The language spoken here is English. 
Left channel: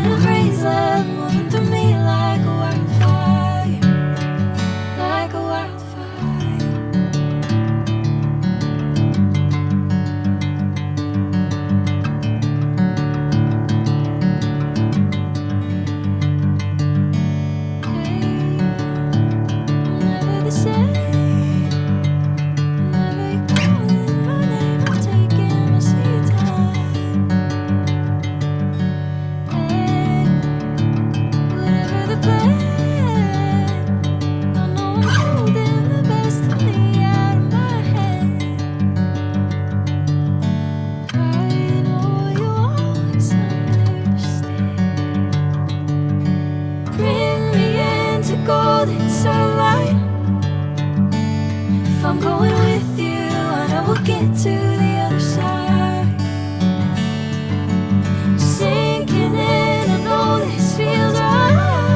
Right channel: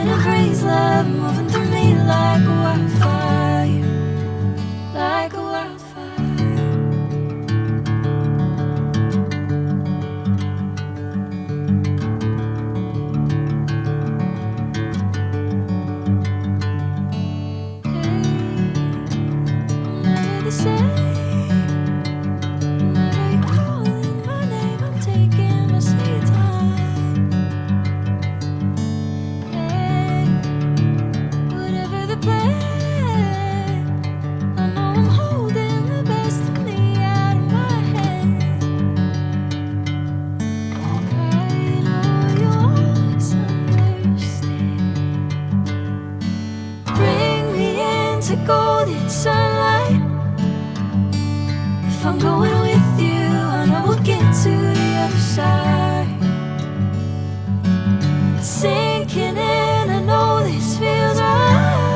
in a haze, love moving through me like a wildfire, like a wildfire. Hey, I'm never the same. Whenever you're calling my name, I'm taking my sweet time. Hey, whatever the plan, I know I'm holding the best of me out of my hand. I know you always understand. Bring me into golden sunlight. If I'm going with you, I know we'll get to the other side. Sinking in, I know this feels right.